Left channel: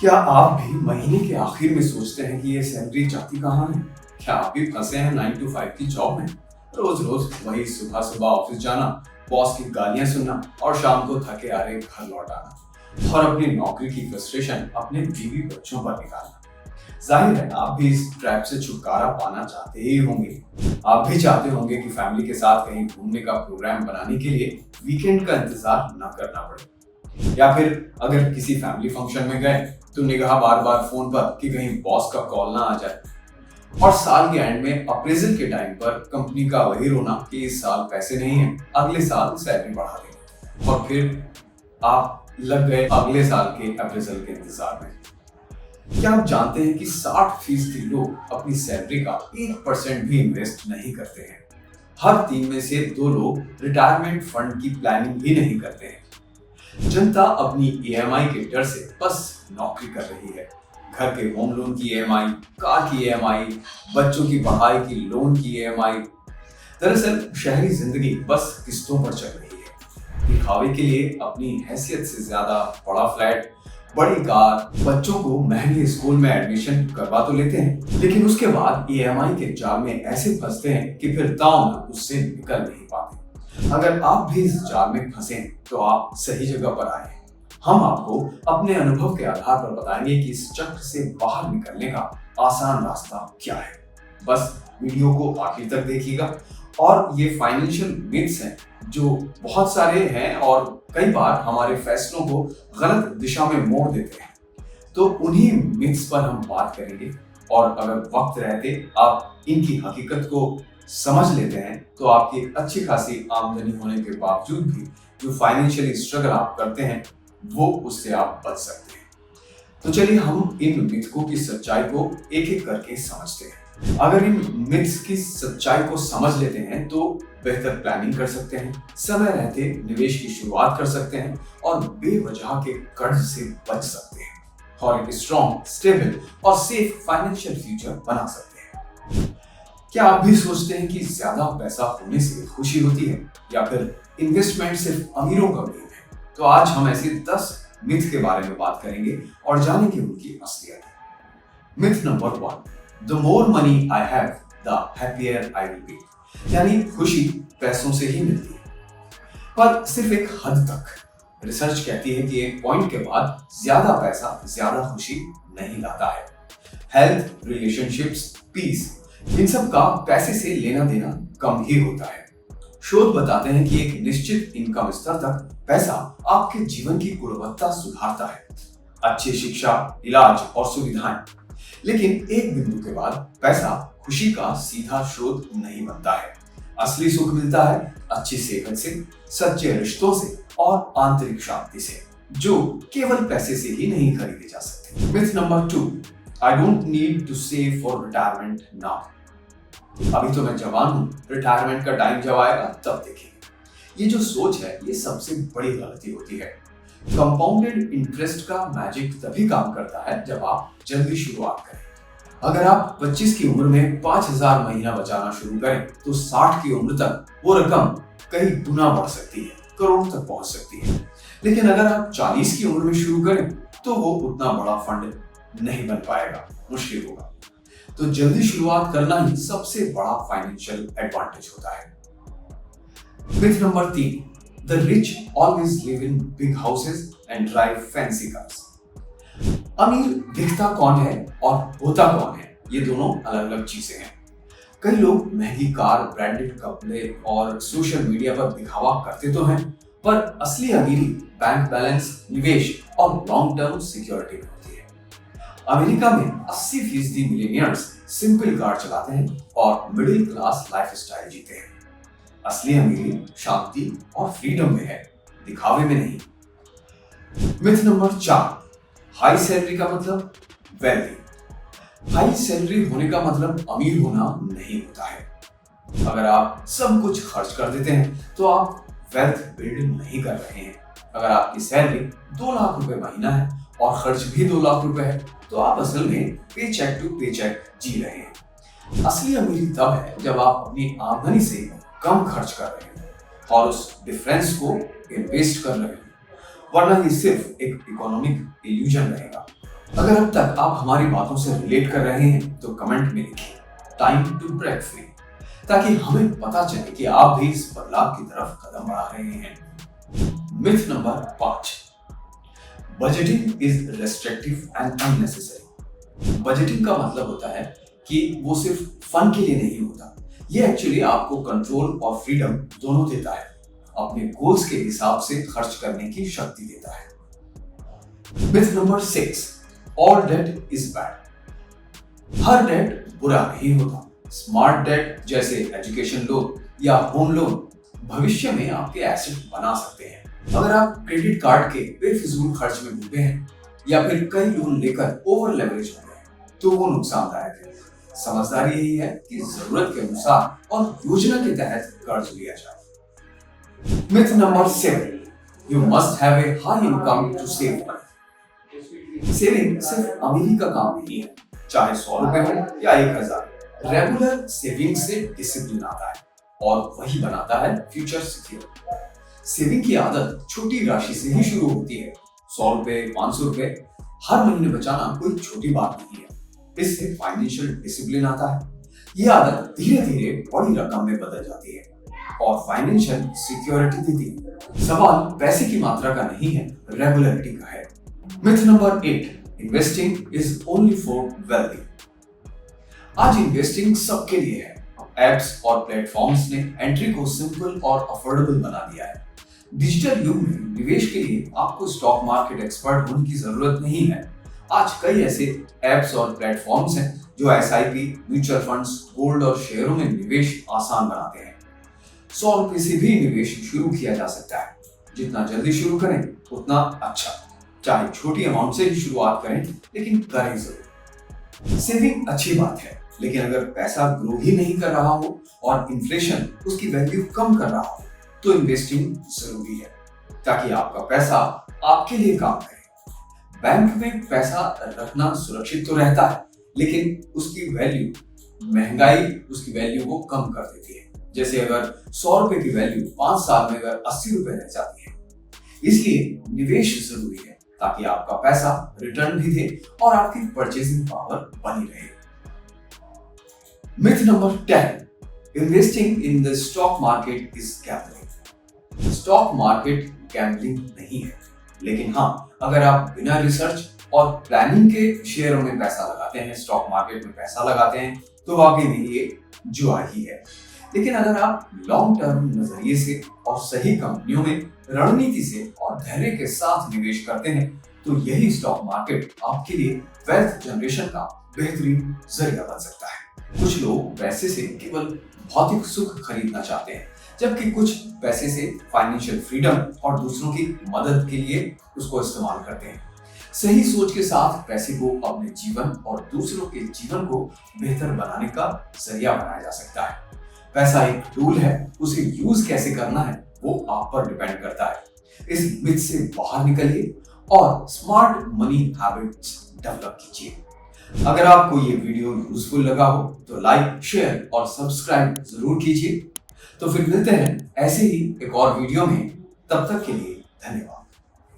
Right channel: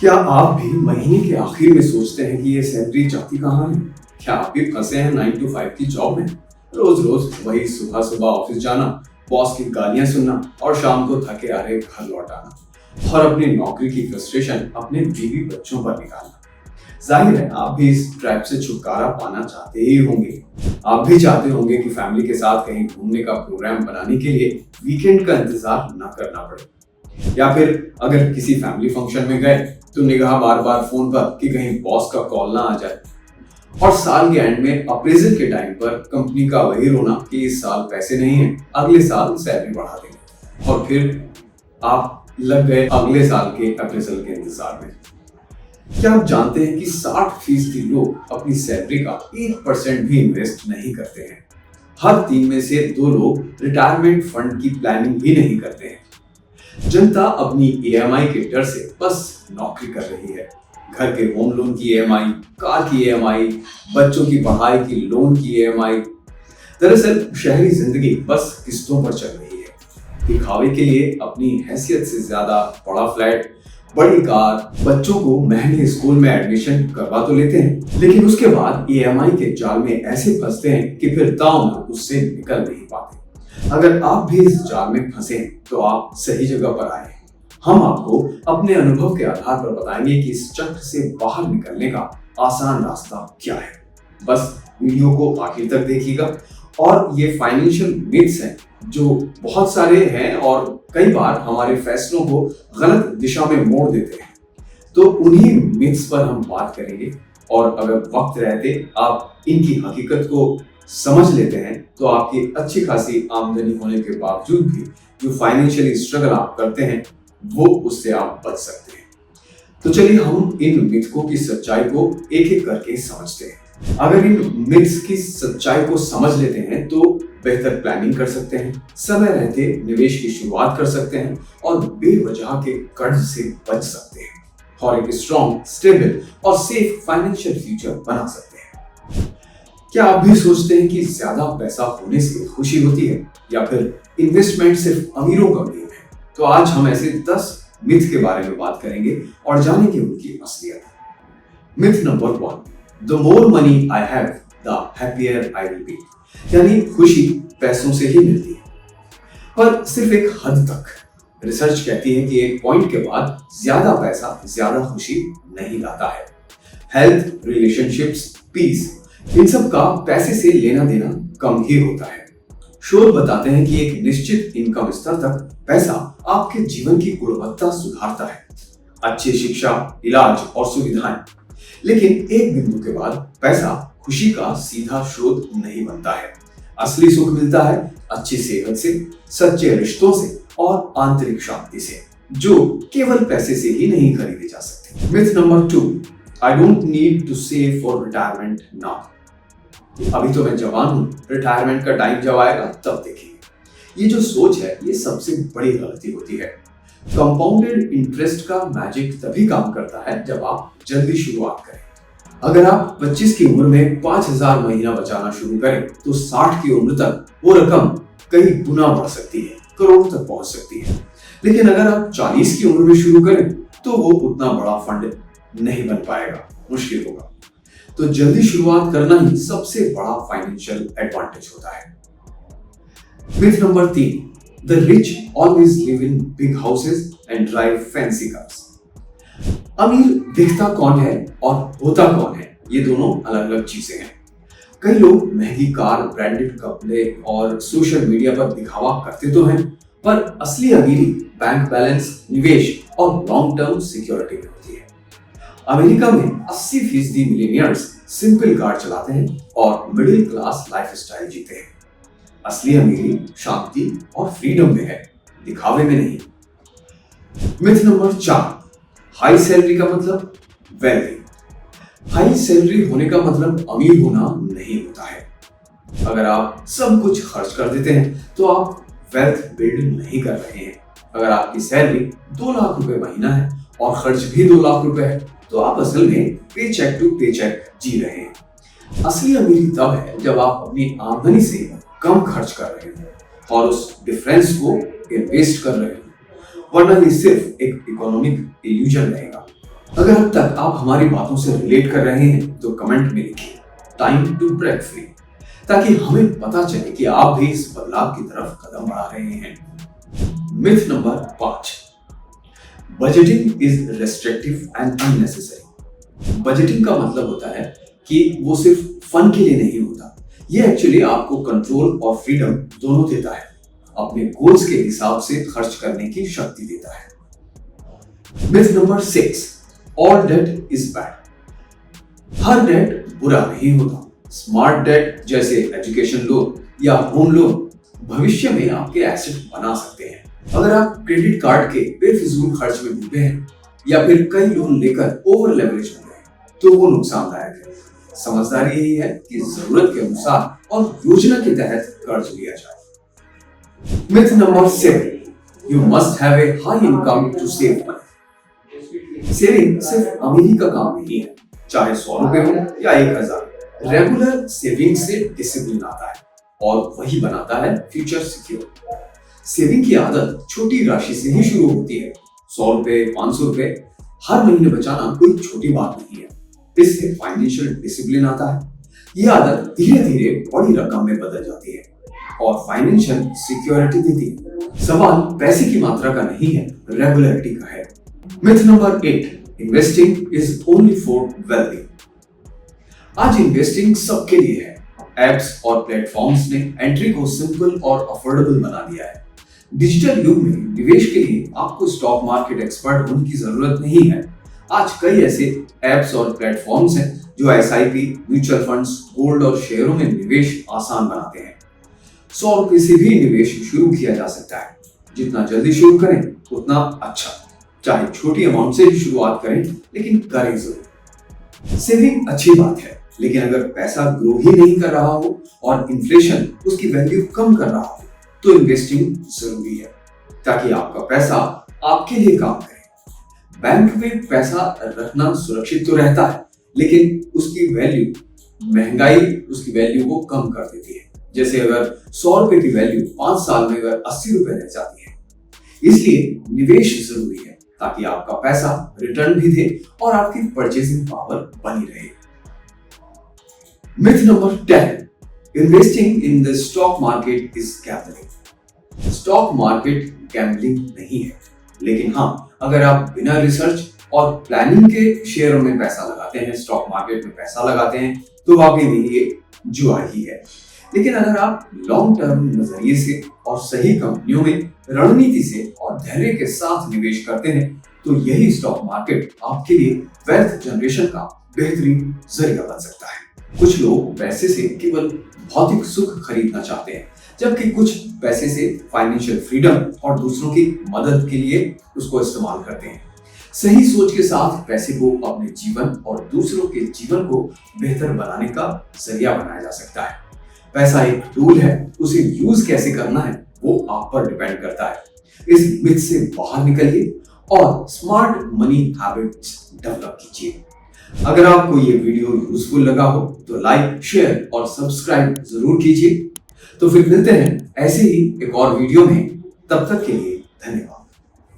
क्या आप भी महीने के आखिर में सोचते हैं कि ये सैलरी जाती कहाँ है? क्या आप भी फंसे हैं 9 to 5 की जॉब में? रोज रोज वही सुबह सुबह ऑफिस जाना, बॉस की गालियां सुनना और शाम को थके हारे घर लौट आना और अपनी नौकरी की फ्रस्ट्रेशन अपने बीवी बच्चों पर निकालना। जाहिर है आप भी इस ट्रैप से छुटकारा पाना चाहते ही होंगे। आप भी चाहते होंगे कि फैमिली के साथ कहीं घूमने का प्रोग्राम बनाने के लिए वीकेंड का इंतजार न करना पड़े, या फिर अगर किसी फैमिली फंक्शन में गए तो निगाह बार बार फोन पर कि कहीं बॉस का कॉल ना आ जाए, और साल के एंड में अप्रेजल के टाइम पर कंपनी का वही रोना कि इस साल पैसे नहीं है, अगले साल सैलरी बढ़ा देंगे, और फिर आप लग गए अगले साल के अप्रेजल के इंतजार में। क्या आप जानते हैं कि 60% लोग अपनी सैलरी का 1% भी इन्वेस्ट नहीं करते हैं? हर 3 में से 2 लोग रिटायरमेंट फंड की प्लानिंग भी नहीं करते हैं। जनता अपनी ईएमआई के डर से बस नौकरी कर रही है। घर के होम लोन की ईएमआई, कार की ईएमआई, बच्चों की पढ़ाई की लोन की ईएमआई। दरअसल शहरी जिंदगी बस किस्तों पर चल रही है। दिखावे के लिए अपनी हैसियत से ज्यादा बड़ा फ्लैट, बड़ी कार, बच्चों को महंगे स्कूल में एडमिशन करवा तो लेते हैं, लेकिन उसके बाद ईएमआई के जाल में ऐसे फंसते हैं कि फिर दांव उससे निकल नहीं पाते। अगर आप भी इस जाल में फंसे हैं तो आप सही जगह पर आए हैं। हम आपको अपने अनुभव के आधार पर बताएंगे कि इस चक्र से बाहर निकलने का आसान रास्ता क्या है। बस वीडियो को आखिर तक देखिएगा। और ये फाइनेंशियल मिथ्स हैं जो बहुत सारे हैं और कई बार हमारे फैसलों को गलत दिशा में मोड़ देते हैं, तो उन्हीं मिथ्स पर हम बात करेंगे। और अगर वक्त रहते आप इनकी हकीकत को समझ लेते हैं तो आपकी अच्छी खासी आमदनी होने के बावजूद भी जो फाइनेंशियली स्ट्रगल आप करते हैं वो उससे आप बच सकते हैं। तो चलिए हम इन मिथकों की सच्चाई को एक एक करके समझते हैं। अगर इन मिथ्स की सच्चाई को समझ लेते हैं तो बेहतर प्लानिंग कर सकते हैं, समय रहते निवेश की शुरुआत कर सकते हैं और बेवजह के कर्ज से बच सकते हैं और एक स्ट्रॉन्ग, स्टेबल और सेफ फाइनेंशियल फ्यूचर बना सकते हैं। क्या आप भी सोचते हैं कि ज्यादा पैसा होने से खुशी होती है या फिर इन्वेस्टमेंट सिर्फ अमीरों का गेम है? तो आज हम ऐसे 10 मिथ के बारे में बात करेंगे और जानेंगे उनकी असलियत। Myth number 1, the more money I have the happier I will be. यानी खुशी पैसों से ही मिलती है, पर सिर्फ एक हद तक। रिसर्च कहती है कि एक पॉइंट के बाद ज्यादा पैसा ज्यादा खुशी नहीं लाता है। हेल्थ, रिलेशनशिप्स, पीस, इन सब का पैसे से लेना देना कम ही होता है। शोध बताते हैं कि एक निश्चित इनकम स्तर तक पैसा आपके जीवन की गुणवत्ता सुधारता है, अच्छी शिक्षा, इलाज और सुविधाएं। लेकिन एक बिंदु के बाद पैसा खुशी का सीधा स्रोत नहीं बनता है। असली सुख मिलता है अच्छी सेहत से, सच्चे रिश्तों से और आंतरिक शांति से, जो केवल पैसे से ही नहीं खरीदे जा सकते। Myth number 2, I don't need to save for retirement now. अभी तो मैं जवान हूं, रिटायरमेंट का टाइम जब आएगा तब देखेंगे। ये जो सोच है ये सबसे बड़ी गलती होती है। कंपाउंडेड इंटरेस्ट का मैजिक तभी काम करता है जब आप जल्दी शुरुआत करें। अगर आप 25 की उम्र में 5,000 महीना बचाना शुरू करें तो 60 की उम्र तक वो रकम कई गुना बढ़ सकती है, करोड़ तक पहुंच सकती है। लेकिन अगर आप 40 की उम्र में शुरू करें तो वो उतना बड़ा फंड नहीं बन पाएगा, मुश्किल होगा। तो जल्दी शुरुआत करना ही सबसे बड़ा फाइनेंशियल एडवांटेज होता है। Myth number 3, the rich always live in big houses and drive fancy cars. अमीर दिखता कौन है और होता कौन है, ये दोनों अलग अलग चीजें हैं। कई लोग महंगी कार, ब्रांडेड कपड़े और सोशल मीडिया पर दिखावा करते तो हैं, पर असली अमीरी बैंक बैलेंस, निवेश और लॉन्ग टर्म सिक्योरिटी में होती है। अमेरिका में 80% मिलियनियर्स सिंपल कार चलाते हैं और मिडिल क्लास लाइफस्टाइल जीते हैं। असली अमीरी शांति और फ्रीडम में है, दिखावे में नहीं। मिथ नंबर 4, हाई सैलरी का मतलब वेल्दी। हाई सैलरी होने का मतलब अमीर होना नहीं होता है। अगर आप सब कुछ खर्च कर देते हैं तो आप वेल्थ बिल्ड नहीं कर रहे हैं। अगर आपकी सैलरी 2 लाख रुपए महीना है और खर्च भी 2 लाख रुपए है तो आप असल में पे चेक टू पे चेक जी रहे हैं। असली अमीरी तब है जब आप अपनी आमदनी से कम खर्च कर रहे हैं और उस डिफरेंस को इन्वेस्ट कर रहे हैं, वरना ये सिर्फ एक इकोनॉमिक इल्यूजन रहेगा। अगर अब तक आप हमारी बातों से रिलेट कर रहे हैं तो कमेंट में लिखिए टाइम टू ब्रेक फ्री, ताकि हमें पता चले कि आप भी इस बदलाव की तरफ कदम बढ़ा रहे हैं। Myth number 5, budgeting is restrictive and unnecessary. Budgeting का मतलब होता है कि वो सिर्फ फन के लिए नहीं होता, ये एक्चुअली आपको कंट्रोल और फ्रीडम दोनों देता है। अपने गोल्स के हिसाब से खर्च करने की शक्ति देता है। Myth number 6, all debt is bad. हर डेट बुरा नहीं होता। स्मार्ट डेट जैसे एजुकेशन लोन या होम लोन भविष्य में आपके एसेट बना सकते हैं। अगर आप क्रेडिट कार्ड के बेफिजूल खर्च में डूबे हैं या फिर कई लोन लेकर ओवर लेवरेज हो गए तो वो नुकसानदायक है। समझदारी यही है कि जरूरत के अनुसार और योजना के तहत कर्ज लिया जाए। Myth number 7, you must have a high income to save money. Saving सिर्फ अमीरी का काम नहीं है, चाहे 100 रुपए हो या 1000। रेगुलर सेविंग से डिसिप्लिन आता है और वही बनाता है फ्यूचर सिक्योर। सेविंग की आदत छोटी राशि से ही शुरू होती है। 100 रुपए, 500 रुपए हर महीने बचाना कोई छोटी बात नहीं है। इससे फाइनेंशियल डिसिप्लिन आता है। यह आदत धीरे धीरे बड़ी रकम में बदल जाती है और फाइनेंशियल सिक्योरिटी देती है। सवाल पैसे की मात्रा का नहीं है, रेगुलरिटी का है। Myth number 8, investing is only for wealthy. आज इन्वेस्टिंग सबके लिए है। एप्स और प्लेटफॉर्म्स ने एंट्री को सिंपल और अफोर्डेबल बना दिया है। डिजिटल युग में निवेश के लिए आपको स्टॉक मार्केट एक्सपर्ट होने की जरूरत नहीं है। आज कई ऐसे एप्स और प्लेटफॉर्म्स हैं जो एसआईपी, म्यूचुअल फंड्स, गोल्ड और शेयरों में निवेश आसान बनाते हैं। 100 रुपए से भी निवेश शुरू किया जा सकता है। जितना जल्दी शुरू करें उतना अच्छा। चाहे छोटी अमाउंट से ही शुरुआत करें, लेकिन करें जरूर। सेविंग अच्छी बात है, लेकिन अगर पैसा ग्रो ही नहीं कर रहा हो और इन्फ्लेशन उसकी वैल्यू कम कर रहा हो तो इन्वेस्टिंग जरूरी है, ताकि आपका पैसा आपके लिए काम करे। बैंक में पैसा रखना सुरक्षित तो रहता है, लेकिन उसकी महंगाई उसकी वैल्यू को कम कर देती है। जैसे अगर 100 रुपए की वैल्यू 5 साल में अगर 80 रुपए रह जाती है। इसलिए निवेश जरूरी है, ताकि आपका पैसा रिटर्न भी दे और आपकी परचेसिंग पावर बनी रहे। Myth number 10, investing in the stock market is gambling. Stock market gambling नहीं है, लेकिन हाँ, अगर आप बिना रिसर्च और प्लानिंग के शेयरों में पैसा लगाते हैं, स्टॉक मार्केट में पैसा लगाते हैं, तो वाकई में ये जुआ ही है। लेकिन अगर आप लॉन्ग टर्म नजरिए से और सही कंपनियों में रणनीति से और धैर्य के साथ निवेश करते हैं तो यही स्टॉक मार्केट आपके लिए वेल्थ जनरेशन का बेहतरीन जरिया बन सकता है। कुछ लोग पैसे से केवल भौतिक सुख खरीदना चाहते हैं, जबकि कुछ पैसे से फाइनेंशियल फ्रीडम और दूसरों की मदद के लिए उसको इस्तेमाल करते हैं। सही सोच के साथ पैसे को अपने जीवन और दूसरों के जीवन को बेहतर बनाने का जरिया बनाया जा सकता है। पैसा एक टूल है, उसे यूज कैसे करना है वो आप पर डिपेंड करता है। इस मिथ से बाहर निकलिए और स्मार्ट मनी हैबिट्स डेवलप कीजिए। अगर आपको ये वीडियो यूजफुल लगा हो तो लाइक, शेयर और सब्सक्राइब जरूर कीजिए। तो फिर मिलते हैं ऐसे ही एक और वीडियो में। तब तक के लिए धन्यवाद।